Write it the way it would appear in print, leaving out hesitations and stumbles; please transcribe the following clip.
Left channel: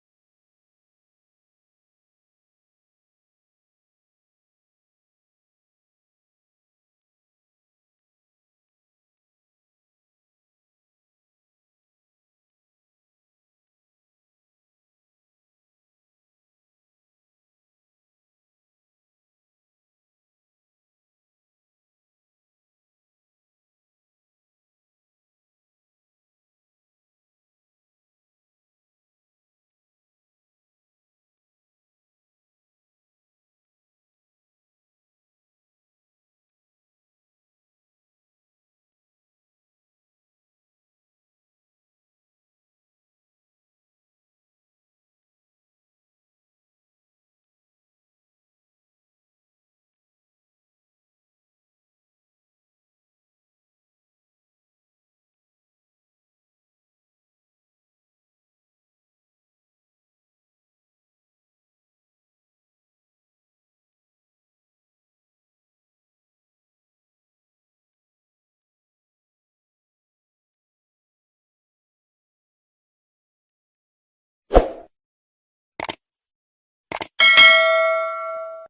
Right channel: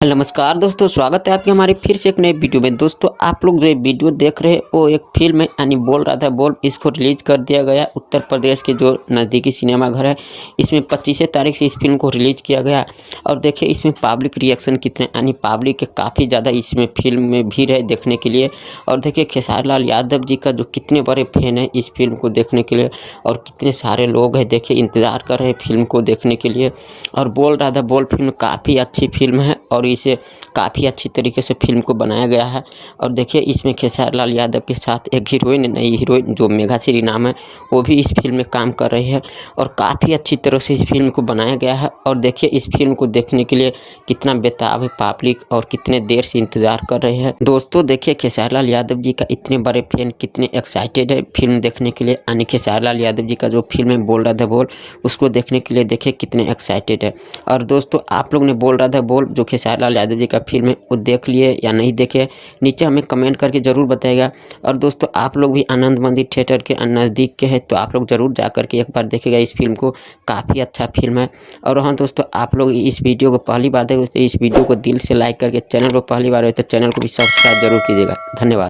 नमस्कार दोस्तों, स्वागत है आपके हमारे फिर से एक नए वीडियो में। दोस्तों आप लोग जो वीडियो देख रहे हैं वो एक फिल्म है, यानी बोल रहा था बोल। इसको रिलीज कर दिया गया उत्तर प्रदेश के जो नज़दीकी सिनेमा घर है, इसमें 25 तारीख से इस फिल्म को रिलीज किया गया। और देखिए इसमें पब्लिक रिएक्शन कितने, यानी पब्लिक के काफ़ी ज़्यादा इसमें फिल्म में भीड़ है देखने के लिए। और देखिए खेसारी लाल यादव जी का जो कितने बड़े फैन है इस फिल्म को देखने के लिए, और कितने सारे लोग हैं देखिए इंतज़ार कर रहे हैं फिल्म को देखने के लिए। और बोल रहा था बोल फिल्म काफ़ी अच्छी फिल्म है और इसे काफ़ी अच्छी तरीके से फिल्म को बनाया गया है। और देखिए इसमें खेसारी लाल यादव के साथ एक हीरोइन, नई हीरोइन जो मेघाश्री नाम है, वो भी इस फिल्म में काम कर रही है। और काफ़ी अच्छी तरह से इस फिल्म को बनाया गया है। और देखिए इस फिल्म को देखने के लिए कितना बेताब है पब्लिक, और कितने देर से इंतज़ार कर रहे हैं। दोस्तों देखिए खेसारी लाल यादव जी का इतने बड़े फैन कितने एक्साइटेड है फिल्म देखने के लिए, यानी खेसारी लाल यादव जी का जो फिल्म है बोल रहा था बोल, उसको देखने के लिए देखिए कितने एक्साइटेड है। और दोस्तों आप लोग ने बोल रहा था बोल जो खेसारी लाल यादव जी का फिल्म है वो देख लिए या नहीं देखे, नीचे हमें कमेंट करके ज़रूर बताइएगा। और दोस्तों आप लोग भी आनंद मंदिर थिएटर के नज़दीक के हैं तो आप लोग ज़रूर जा कर के एक बार देखिएगा इस फिल्म को, काफ़ी अच्छा फिल्म है। और हाँ दोस्तों, आप लोग इस वीडियो को पहली बार देखें तो इस वीडियो को दिल से लाइक करके, चैनल को पहली बार हो तो चैनल को भी सब्सक्राइब जरूर कीजिएगा। धन्यवाद।